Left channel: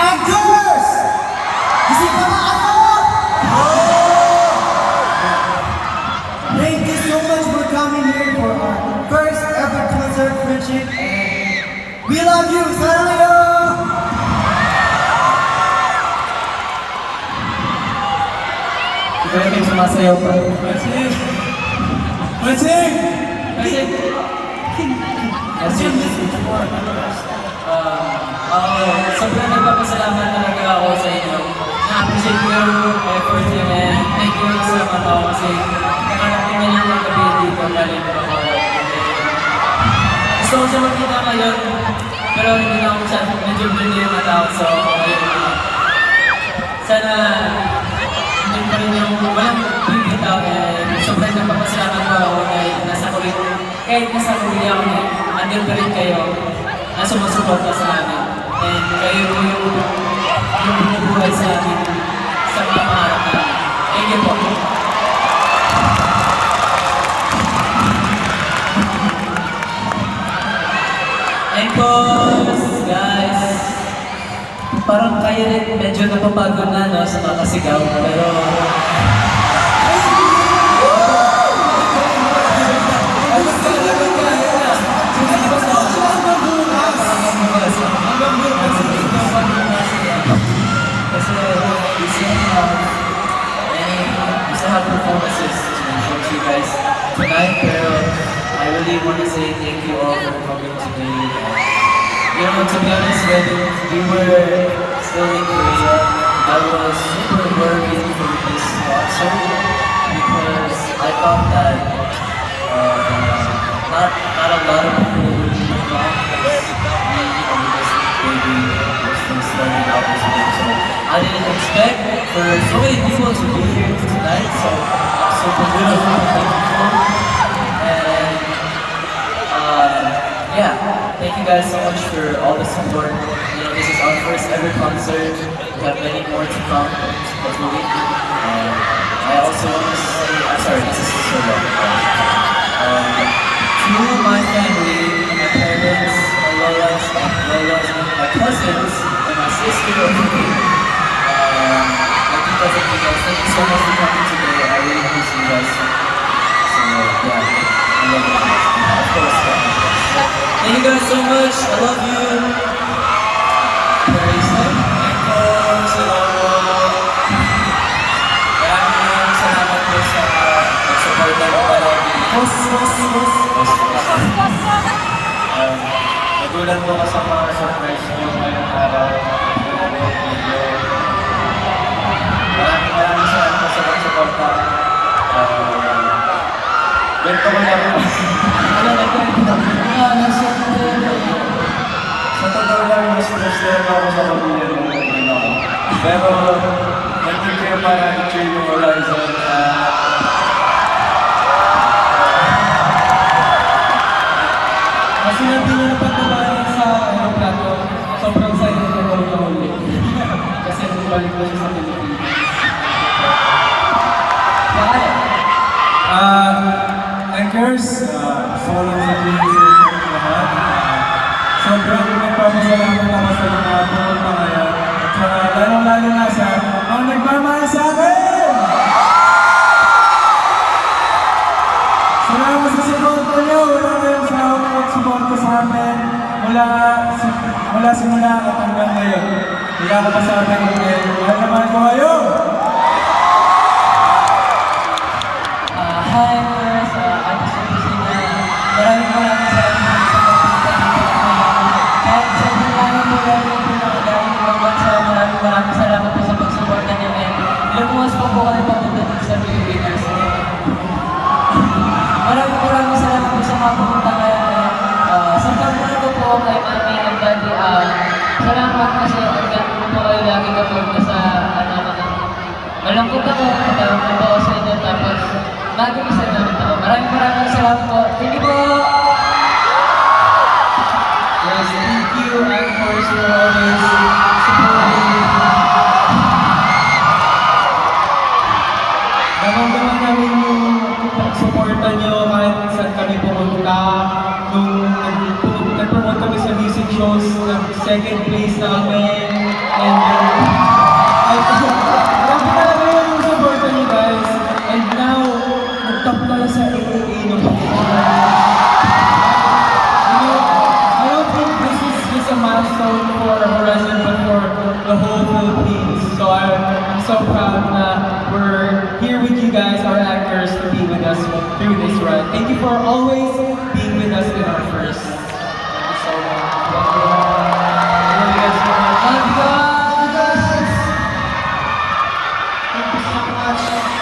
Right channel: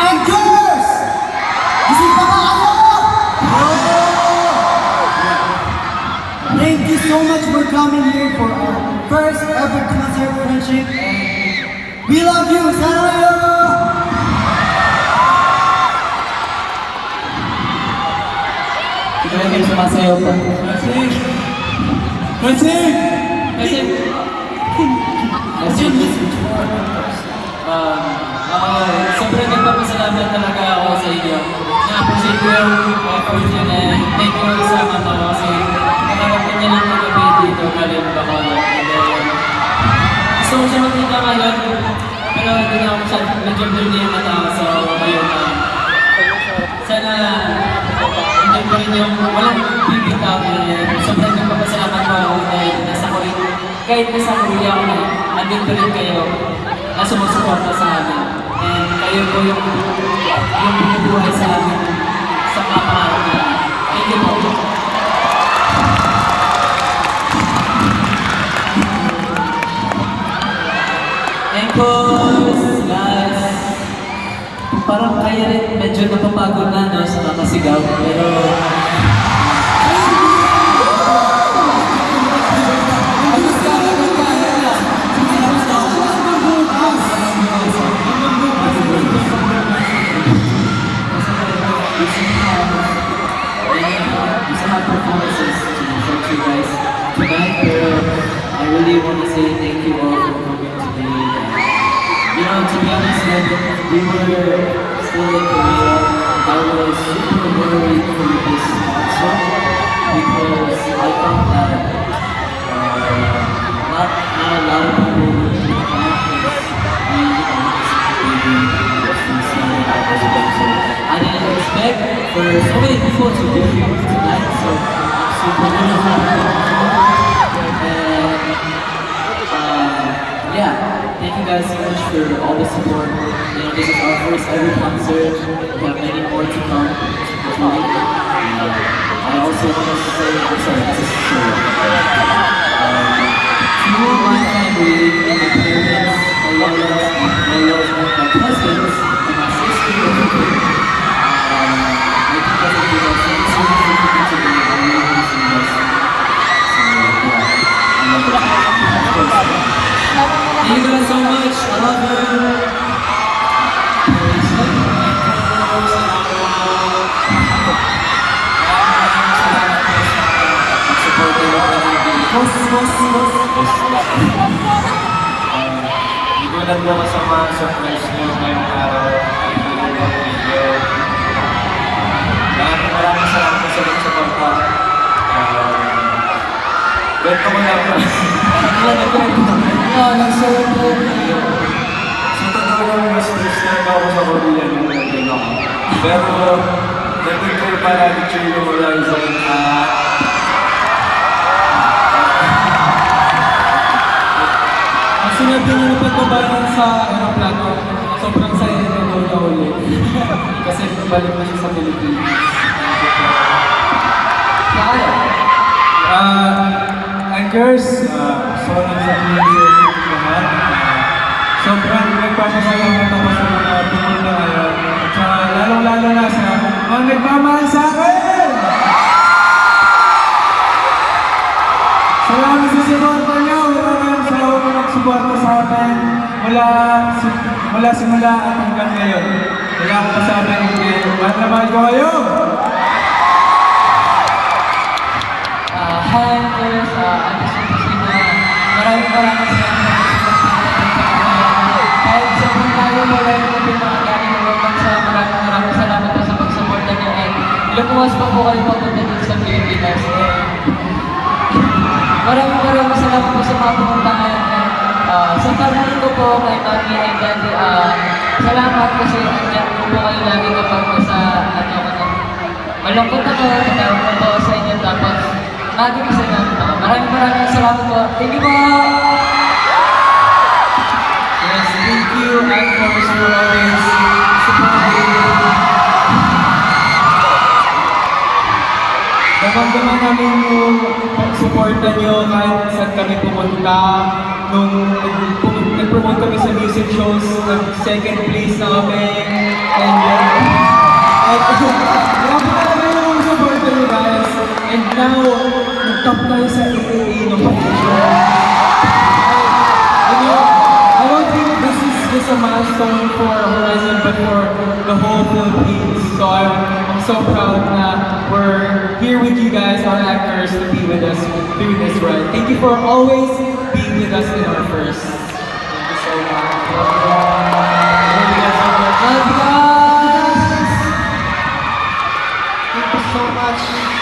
Angelus! Gising pa nga kayo! Thank you so much for coming here for our first ever concert friendship. And we love you! Salayo! Kaya kayo sumasayaw pa. Francine! Francine! Sobrang nagpapasalamat talaga ako sa inyo. Na-appreciate ko yung effort nyo na yan. Thank you sa kasi nakarating niya lang ng gabi dito galing Bacolod. Gusto ko siya makita ngayon, pero hindi na ako siya, medyo blurry yung mata ko. So, ayun na. Sana, hindi pa rin yung walang bibitaw. Sobrang nagpapasalamat ko ako dahil nasa Korea. Kahit nasa Korea ako, nandun pa rin kayo na sumusuporta sa amin. And kayo po yung bumubuhay sa amin sa mga pangarap namin. Thank you po. Encores, guys! Parang kayo rin medyo napapagod na no, sa makasigaw, pero... We still have performances from you guys tonight, pero I really want to say thank you all for coming today. You know, to be honest, when we were still in Korea, I was super worried for this concert because I thought that not a lot of people would come because we, maybe just starting out as a so I didn't expect for so many people to be here tonight, so I'm super grateful. And yeah, thank you guys so much for all the support. You know, this is our first ever concert. We have many more to come, hopefully. I also want to say, I'm sorry, this is so long. To my family, my parents, my Lolas, my cousins, and my sister over here. My titas and titas, thank you so much for coming today. I really want to see you guys. So yeah, I love you guys. Of course, yeah. Thank you guys so much. I love you. Maraming salamat po sa pag-support kayo palagi. Boss. Nagulat mo kasama sa prize nyo ngayong araw. Maraming salamat po sa pag-support ka. Kwento ko lang. Sa totoo lang, mas stressed ako sa Korea nung nandun ako. Pero, nandun kayo para i-cheer yung Horizon. Sinabi nyo na pagkabalan sa aeroplano, sobrang silent na daw na huli. Kasi balik na siya sa Pilipinas. Kaya? Anchors, solo sa music lahat. Sobrang nagpapasalamat ako sa mga pumunta ngayon. At saka lalong-lalo na sa mga nagmamahal sa akin! Salamat sa suporta niyo! Wala kayong sawang nagsuporta sa amin mula simula at hanggang ngayon. Wala ka pa sa amin yung mahal naman ko kayo! Hi, Anchors. I just want to say na maraming salamat sa pagpunta dito. Kahit sa mga malayo na po mga galing ng bansa, maraming salamat po sa pagsuporta niyo. Lumuwas po kayo papunta dito sa Pilipinas. Maraming salamat po sa mga pumuntahan. Sa family ko po kay Mami and Daddy, salamat kasi nandiyan po kayo lagi kapag sa malungkot ako, tatawag na po sa inyo, tapos maraming salamat po. Maraming salamat po. Thank you po! Yes, thank you, Anchors, for always supporting. Damang-damang namin yung pag-supporta nyo kahit saan kami pumunta. Nung nag-promote kami sa music shows, nag-second place na kami. And At grabe talaga yung support nyo guys. And now, nag-top tayo sa AAA ng You know, I don't think this is just a milestone for Horizon, but for the whole Philippines. So I'm so proud na we're here with you guys, our actors, to be with us through this ride. Thank you for always being with us in our first. Thank you so much. Love you all. Love you guys so much. Love you guys. Thank you so much.